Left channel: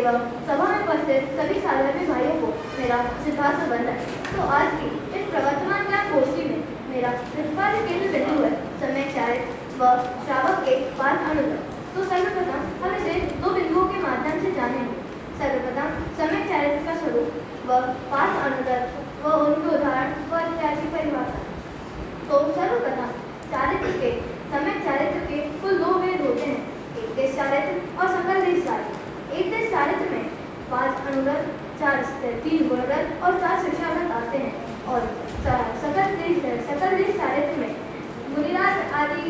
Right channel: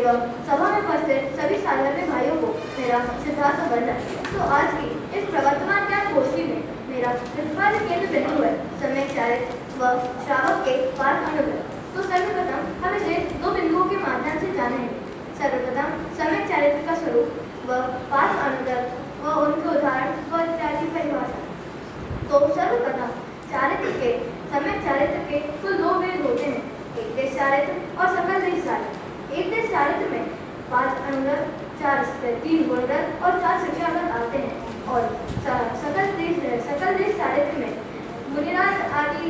एवं सभा में उपस्थित सभी साधर्म्य भाइयों को मेरा सिद्धार्थ वंदन। तो आज की इस प्रवर्तमान ज्ञान गोष्ठी में मेरा प्रतिपाद्य केंद्र बिंदु है सम्यक चारित्र व श्रावक के पाठ अनुगत। तो सर्वप्रथम हम इसे दो बिंदुओं के माध्यम से जानेंगे। सर्वप्रथम सम्यक चारित्र का स्वरूप व पाठ अनुगत व उनके उदाहरण व इत्यादि परिभाषा। तो सर्वप्रथम चारित्र के सम्यक चारित्र के कुल दो भेद होते हैं, एक देश चारित्र और सकल देश चारित्र। एक देश चारित्र में 5 अनुगत, 3 गुणगत और 4 शिक्षागत आते हैं और सकल देश चारित्र में मुनिराज आदि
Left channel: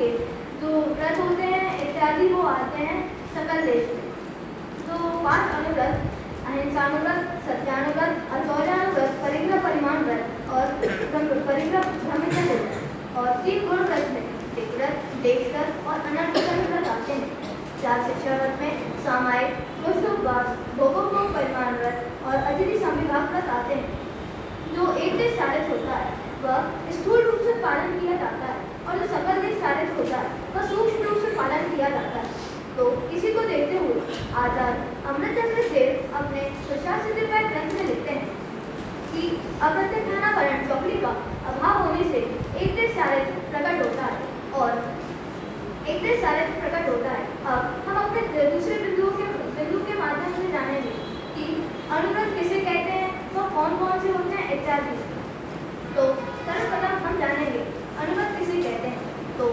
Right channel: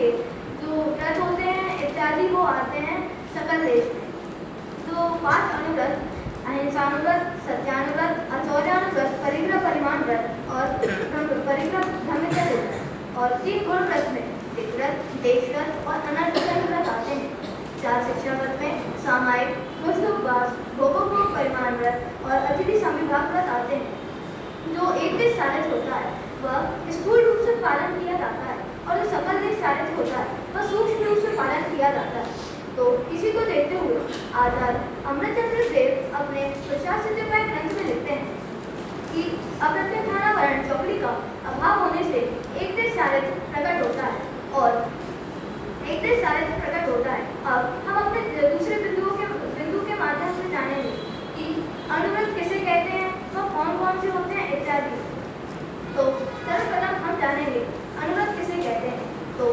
के जो व्रत होते हैं इत्यादि वो आते हैं सकल देश में। तो 5 अनुगत अहिंसानुगत, सत्यानुगत, अचौर्यानुगत, परिग्रह परिमाण व्रत और परिग्रह ब्रह्मचर्य और 3 गुण व्रत में विग्रत, देशगत और अनर्थगत व्रत आते हैं। 4 शिक्षागत में सामायिक, दोषोपवास, भोगोपभोग परिमाण व्रत और अतिथि संविभाग व्रत आते हैं। जो एक देश चारित्र होता है वह स्थूल रूप से पालन किया जाता है और जो सकल देश चारित्र होता है वह सूक्ष्म रूप से पालन किया जाता है। तो इसी को देखते हुए आचार्य अमृतचंद्र देव अपने प्रशासितोपाय ग्रंथ में लिखते हैं कि अप्रत्यक्षानावरण चौकड़ी का अभाव होने से एक देश चारित्र प्रकट होता है और एक देश चारित्र प्रकट होता है। अब हम अपने दूसरे बिंदु के माध्यम से जानेंगे कि अनुगत किसे कहते हैं, वह कौन कौन से होते हैं इत्यादि। तो सर्वप्रथम हम जानेंगे अनुगत किसे कहते हैं। तो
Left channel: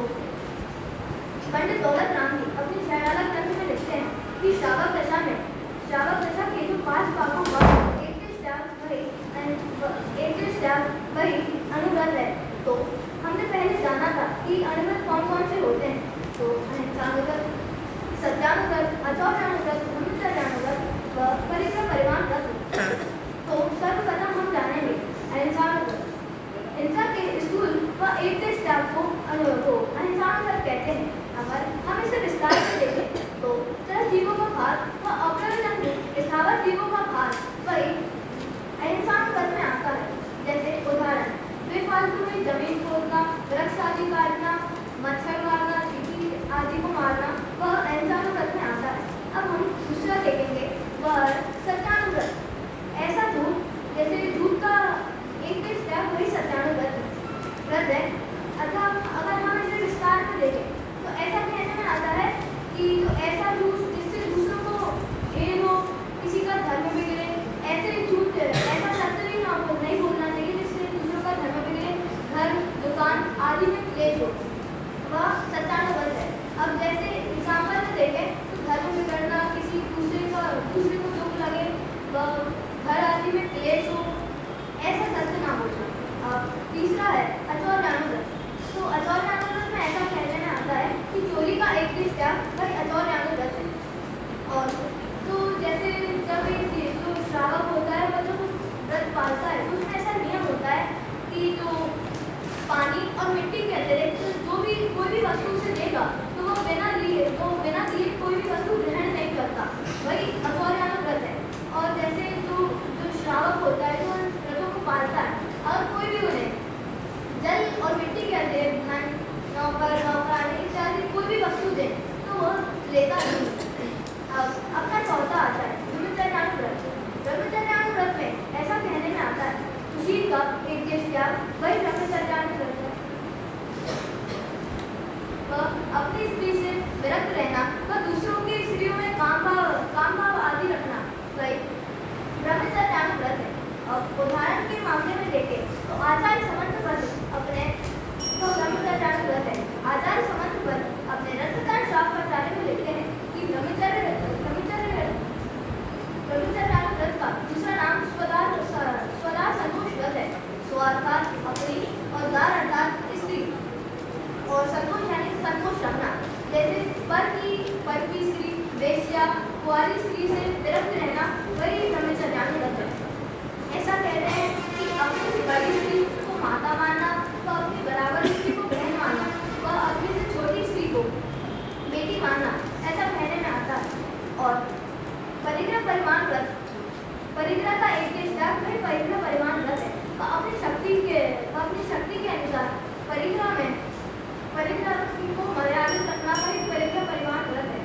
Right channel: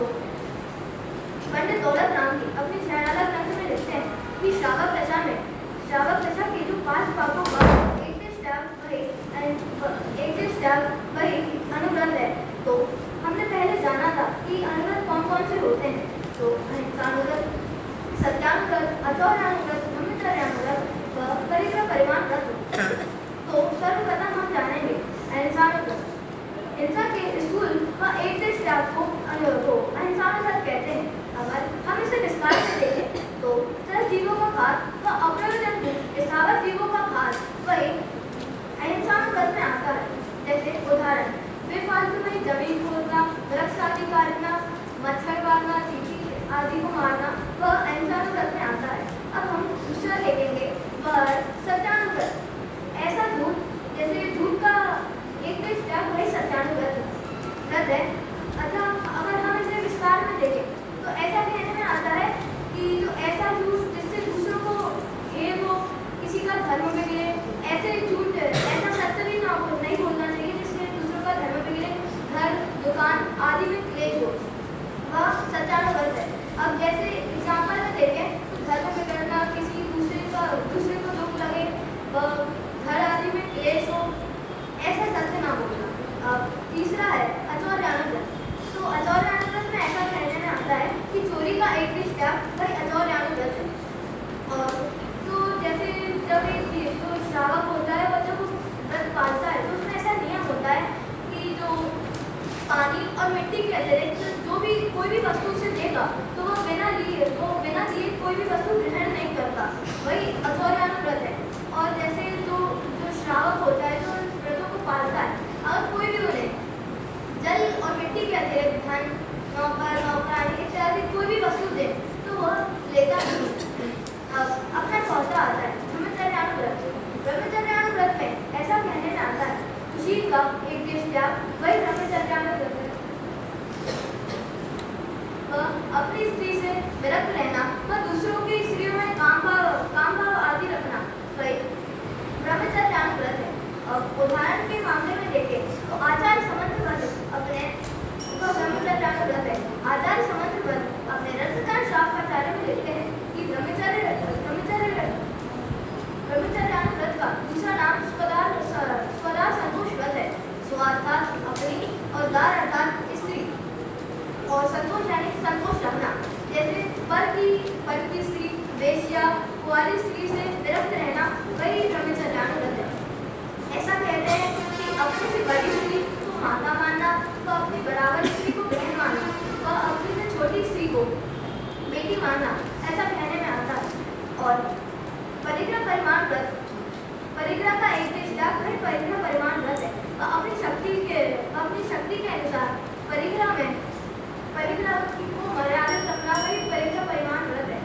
पंडित दौलत राम जी अपनी शहनाला ग्रंथ में लिखते हैं कि श्रावक दशा के जो 5 पापों का एक देश त्याग वही अनुगत है। तो हमने पहले जाना था कि अनुगत कौन कौन से होते हैं। तो अहिंसानुगत, सत्यानुगत, अचौर्यानुगत, ब्रह्मचर्यानुगत व परिग्रह परिमाण व्रत। तो सर्वप्रथम हम जानेंगे अहिंसानुगत। हिंसा के स्थूल व एक देश त्याग को अहिंसानुगत कहते हैं। अगर हम इसे विस्तार से देखें तो चल जीवों का घात व अप्रयोजन स्थावर जीवों का घात वही अहिंसानुगत में आता है। जैसे उदाहरण बेफालतू में जमीन खोदना, वृक्ष आदि काटना, मच्छर मारना, चींटी आदि को मारना वह अहिंसानुगत में आता है। अब हम दूसरा देखेंगे वह सत्यानुगत। ऐसा झूठ जैसे झूठ का एक देश त्याग वही सत्यानुगत व्रत है। अतः अगर हम इसे विस्तार में देखें तो ऐसा कहने में आता है कि ऐसा झूठ जिससे दूसरों को भेद हो, किसी का धर्म बिगड़े, ऐसे झूठ ऐसा सत्य भी नहीं बोलना चाहिए जिससे दूसरों का धर्म बिगड़े, घर दुकान आदि में क्लेश हो, वह सत्यानुगत है। अब जैसे एग्जाम्पल में देखें तो धर्म बिगड़ना, किसी दूसरे को दुख लगे, वह घर आदि में क्लेश हो, ऐसा सत्य ना बोलना। अब तीसरा है अचौर्यानुगत। तो अचौर्यानुगत में ऐसा कहने में आता है कि चोरी का एक देश त्याग वही अचौर्यानुगत है। और तो जैसे जब एक जो श्रावक होता है वह जब व्रत पालता है तो उसमें ऐसा नियम होता है कि जो पानी और मिट्टी के अतिरिक्त जो भी कोई भी वस्तु उसे देगा तो वह बिना दिए कोई भी वस्तु ग्रहण नहीं करता, वही अचौर्यानुगत है। और जैसे जो श्रावक होता है जो व्रतों को पालता है, अगर कोई भी उन्हें जल और मिट्टी के अतिरिक्त धन, नौकरानी इत्यादि कोई भी वस्तु दे तो वह लेता नहीं। अब अपना चौथा आता है ब्रह्मचर्यानुव्रत। ब्रह्मचर्यानुव्रत में ऐसा कहने में आता है सुशील का एक देश त्याग वही ब्रह्मचर्यानुव्रत है। अपनी स्त्री से विरक्त रहना व दूसरों की स्त्रियों में काम भाव आदि रखना वही ब्रह्मचर्यानुव्रत है। अब उदाहरण के मामले में देखें तो आचार्य समर्थ व्रत अपने ब्रह्मचर्यानुव्रत है। आचार्य समर्थ व्रत अपने रसदान शास्त्राचार्य में लिखते हैं कि ब्रह्मचर्यानुव्रत का दूसरा नाम स्वदार संतोष व्रत है। स्व अर्थात अपनी और दार अर्थात स्त्री और संतोष यानी संतोष रखना। जैसे पर की स्त्री, वेश्या, कुंवारी स्त्री से विरक्त रहना वही ब्रह्मचर्यानुव्रत है। ऐसा कहते हैं कि अपने से बड़ी स्त्री को माता मानना व अपनी बराबर स्त्री को बहन मानना व अपने से छोटी स्त्री को बेटी मानना ऐसा कहने में आता है। और परिग्रह परिमाण व्रत, परिग्रह का एक देश त्याग वही परिग्रह परिमाण व्रत है। अपनी शक्ति के अनुसार परिग्रह को मर्यादित रखना वही परिग्रह परिमाण व्रत है।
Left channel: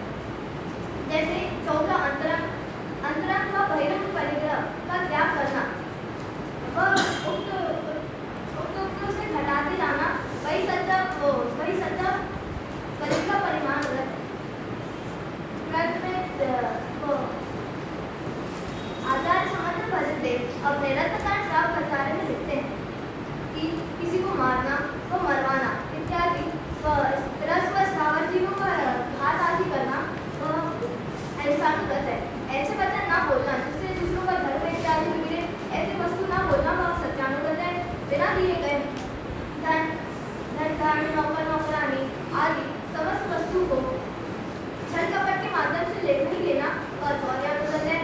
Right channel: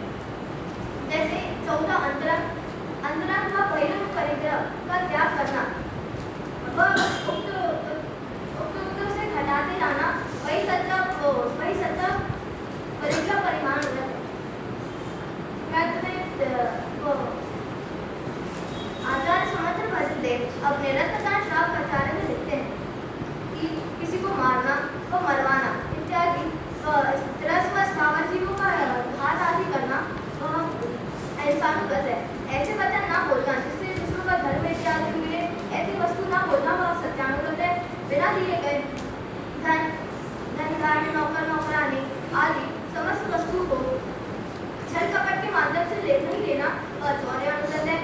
अपने रत्नदान श्राप खजाने में लिखते हैं कि किसी को मारना व मरवाना इत्यादि त्रस्त व स्थावर जीवों का घात आदि करना अहिंसानुगत है। ऐसे वचन ना बोलना जिससे दूसरों का धर्म इत्यादि बिगड़े, ऐसी वस्तु ना बोलना वह सत्यानुगत है। बिना दिए गए धन धान्य नौकर नौकरानी आदि समस्त वस्तु को छल कपट के माध्यम से नहीं लेना अचौर्यानुगत है।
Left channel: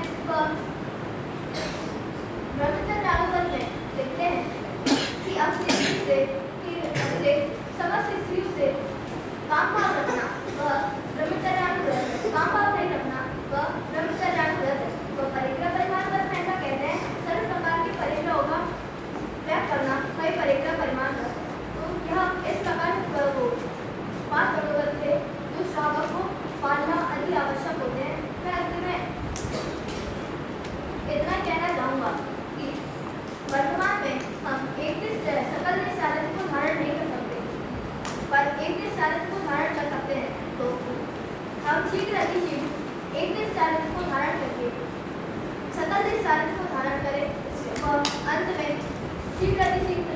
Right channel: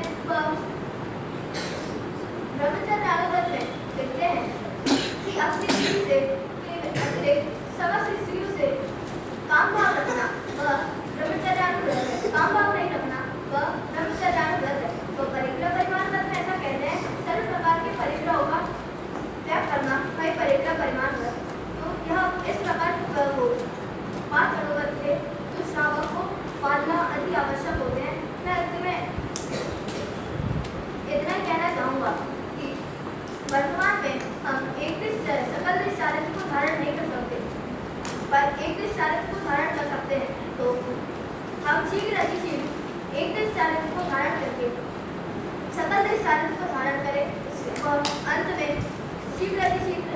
ब्रह्मचर्यानुगत में लिखते हैं कि अपनी स्त्री से अपने समस्त स्त्रियों से काम भाव रखना वह ब्रह्मचर्यानुगत है। काम भाव नहीं रखना वह ब्रह्मचर्यानुगत है। तो परिग्रह परिमाण व्रत में ऐसा कहते हैं सर्व प्रकार के परिग्रहों का त्याग करना कई परिग्रह परिमाण व्रत है। तो यह इस प्रकार को 5 कटोव्रत थे जो श्रावक को पालना अति आवश्यक होते हैं। मैं अंत में इतना कहना चाहूँगा कि वर्तमान में हम एक दिन सकल देश चारित्र को धारण नहीं कर सकते, पर एक दिन चारित्र को धारण कर सकते हैं। तो हम शीघ्र अतिशीघ्र एक दिन चारित्र को धारण करके सकल देश चारित्र को धारण करें और अंत में शीघ्र अतिशीघ्र